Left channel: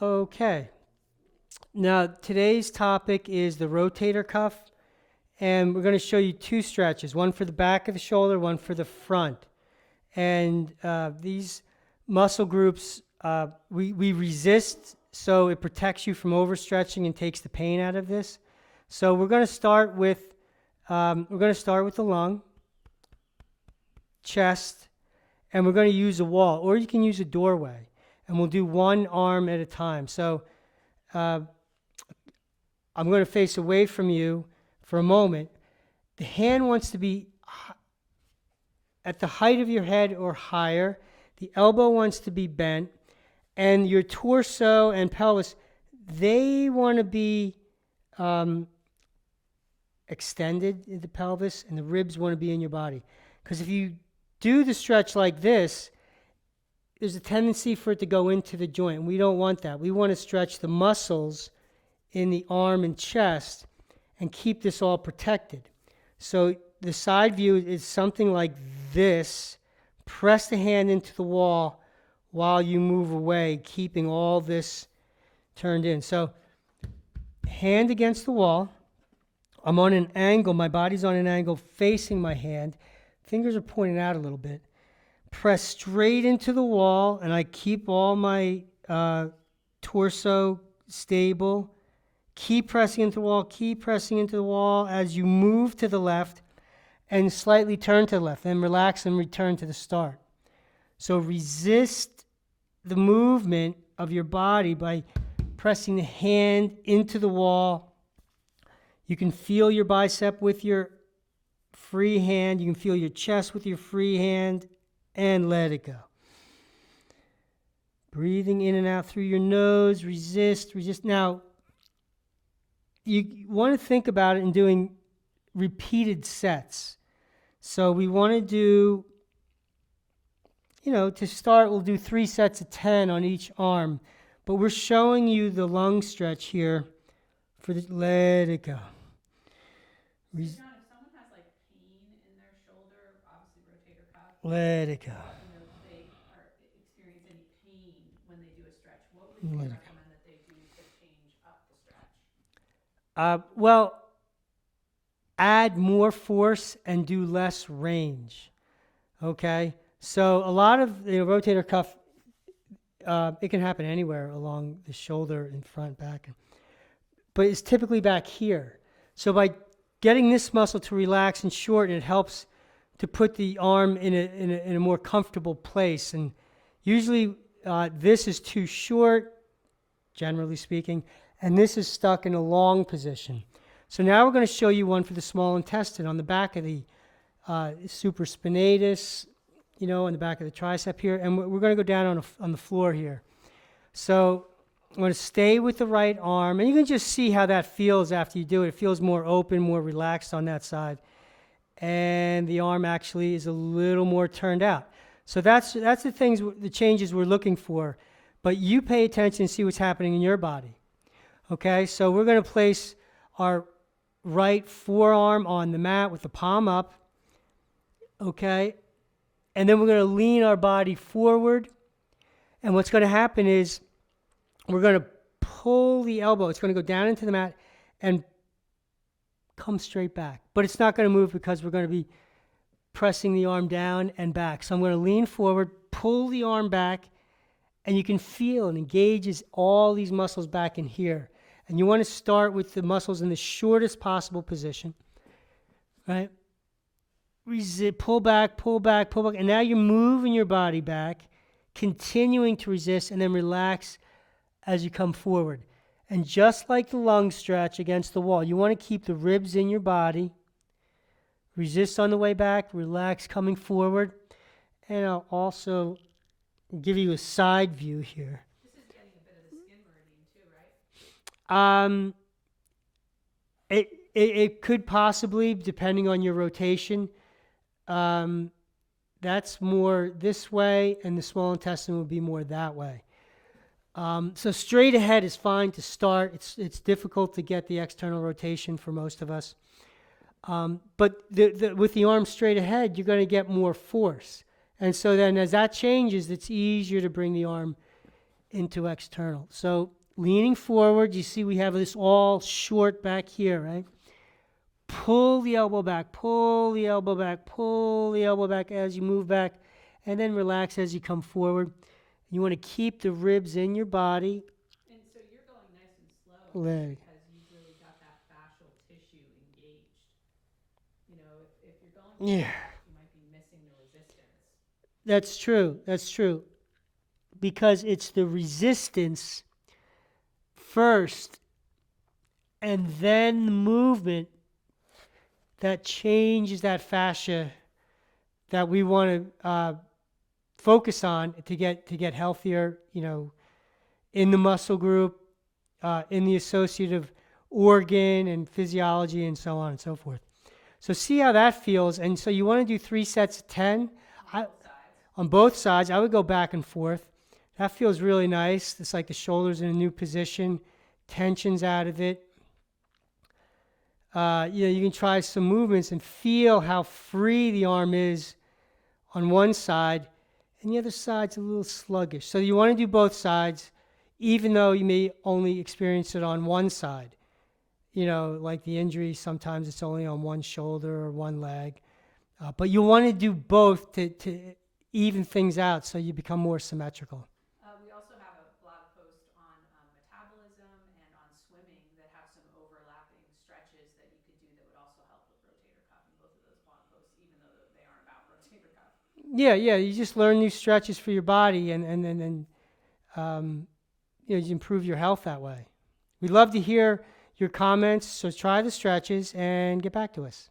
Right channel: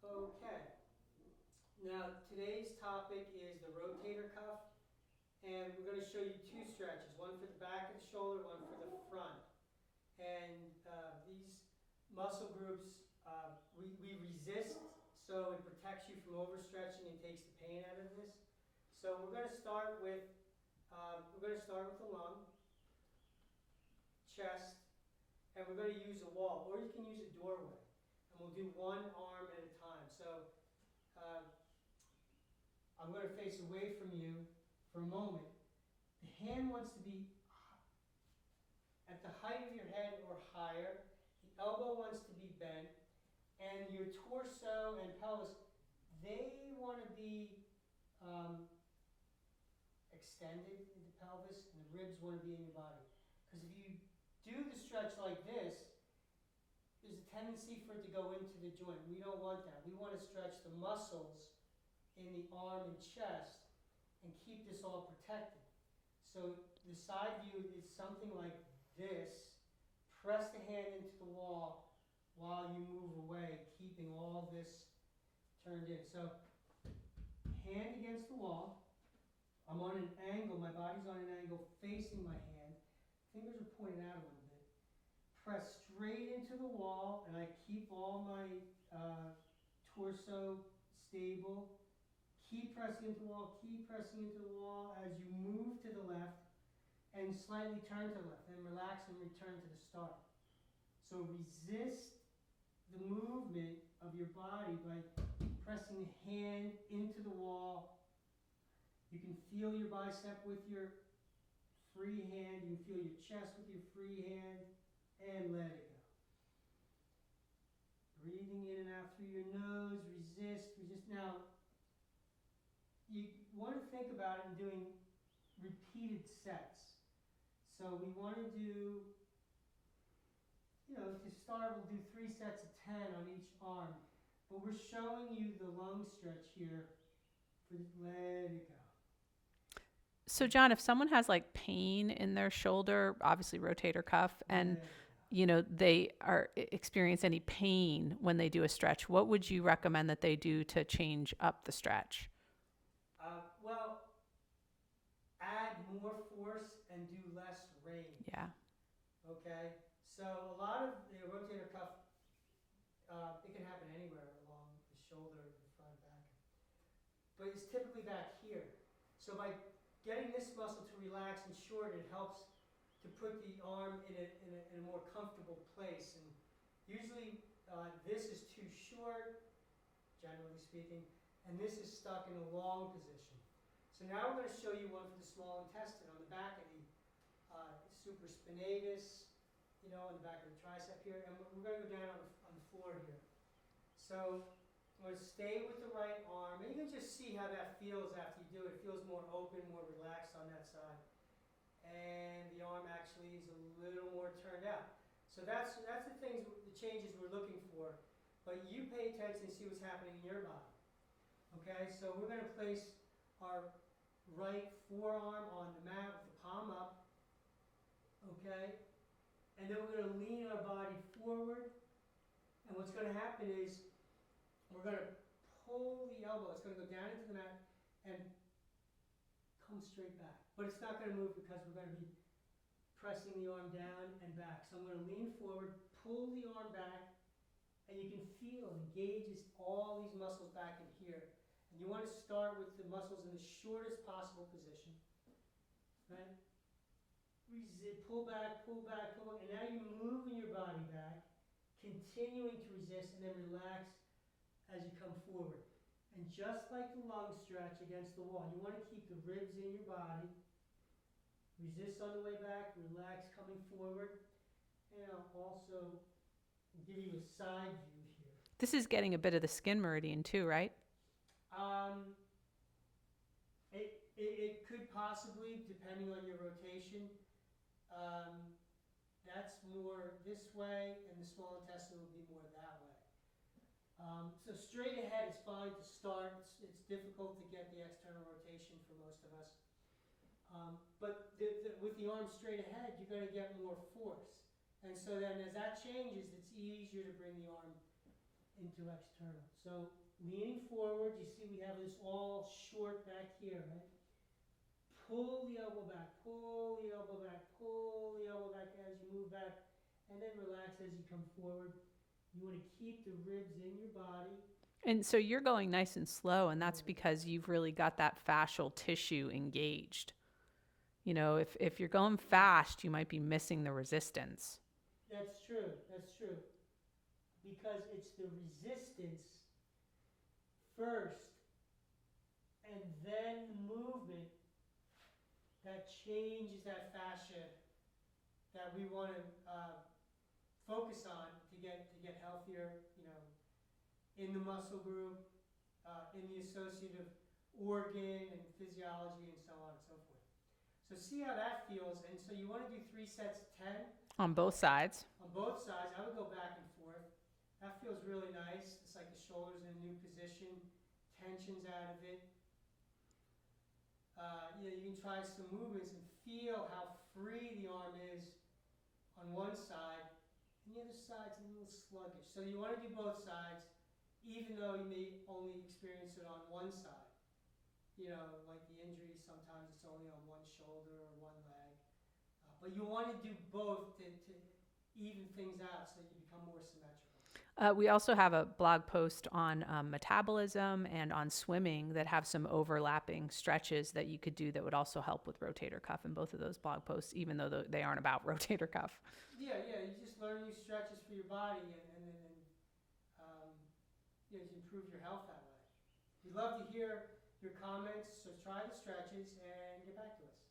Okay. Now, today's topic is the rotator cuff, and we're going to show you two stretches, one for the back of the shoulder, one for the front. And these muscle groups, we resist, so it protects you from overstretching and takes the pain out of this. So we're going to start with the lung, chest, and we're going to use a wall, or you can use a doorway, and we'll do one arm at a time. So I'm going to face away from you for a moment. The hand wants to be at the height of your head or higher. The elbow wants to be bent, and your torso and pelvis, they want to be extended in the pelvis, and the ribs want to be in your body. Because if you do the stretch like this, there's a tendency for it to go into the joint. We don't want that. We want to stretch the muscles in the arm and chest and keep this all protected. So the side view is something like this. Press the hand into the wall while you move away, keeping all this turned in. So hand against the wall. I'm on an angle. My body's on an angle facing my hand. Fingers are pointing out a little bit. Press straight into the wall, and I keep all my torso stable. Keep pressing into the wall, keep pressing into the wall as you move to the left and slightly turn to the left. Then relax and return to the start. So resist the movement of your body by pressing the hand into the wall. You can feel your bicep with your free hand. You can feel your chest with your free hand, and let it go. Breathing in and out through your nose. Resist. Now, you want to think about it in doing repeated sets. So we want to do, to start, we'll do 3 sets of 10 on each arm. But we're showing you the lung stretch here let it go. So John, if someone has like pain in their shoulder, obviously rotator cuff, let it go. They experience any pain when they do a stretch, what would you recommend that they do to change up the stretch? Well, add more force and do less range. Yeah. Okay? So a lot of the rotator cuff, it can happen anywhere along the shoulder and front, back. But it's typically back here. So by getting this muscle to relax and shorten, it helps to put the arm in a more comfortable place. And usually this is too short, generally speaking, and this is stuck in a long position. So now we're going to show you one for the small intestine on the back of the supraspinatus, on the back of the tricep here. And we're going to go down on the floor here. So I'm going to stay with the right arm. And you can just see how that feels after you do it. It feels more open, more relaxed on that side. And the arm actually is a little more turned out. So that's the changes we're looking for. But you pay attention and see what's happening in your body. Okay, so we're going to place our right forearm on the mat with the palm up. Okay, and then we're going to lean our body forward. And what's going to happen is we're going to pull the elbow. It's going to go down into the mat and come straight back. But it's not going to move because we're going to be pressing the arm down and back. So I'm going to lean forward, pull the arm back, and you can feel it engages all these muscles back in here. And you want to start with the muscles in the shortest possible position, right? Pull back, pull back, pull back. And now you're moving your body back, continuing to resist, and then relax as you come forward. And just like the lung stretch against the wall, you want to keep the ribs in your body. Resist on the way back, relax coming forward. And I'll also give you a side view here. This is getting a bit of the skin meridian too, right? It could possibly, depending on your rotation. That's more this way, and the small intestine will be more that way. So straight ahead is fine to start. It's difficult to get the external rotation for most of us. But with the arm straight ahead, you're going to get more force. And so then as that changes, it's easier to bring the arm into external. So leaning forward, you see we have this all short back here, right? Pull the elbow back, pull the elbow back, pull the elbow back as you move back, and then relax as you come forward. You want to keep the ribs in your body. And so you're going nice and slow, and that's Right. because you've really got that fascial tissue engaged. You know, if you're going Yeah. fast, you might be missing the resistance. That's true. That's true. Because it's the resistance first and then the movement that changes that fascia that we want to focus on to get healthier, you know, in the muscle group, in the associative organ and physiology and so on and so forth. So see how that feels. And so you want to do 3 sets of 10 On I- both sides. on both sides. I would go back and forth. That feels really nice. It's like the shoulders in a new position, tension's out of it. You know, you can try some movements and feel how free the arm is on one side, and the other side's a little sluggish. So you want to do both sides, even though you may only experience it on one side. You know, like the injury, sometimes it's only on one shoulder or one leg. But you want to do both to even things out so you become more symmetrical. We also have a blog post on metabolism and on swimming that have some overlapping stretches that you could do that would also help with rotator cuff in both of those blog posts, even though they aren't about rotator cuff. Yeah, you just learn new stretches for your body and then you know, you improve your health that way. We'd love to hear your comments, so try the stretches and get back to us.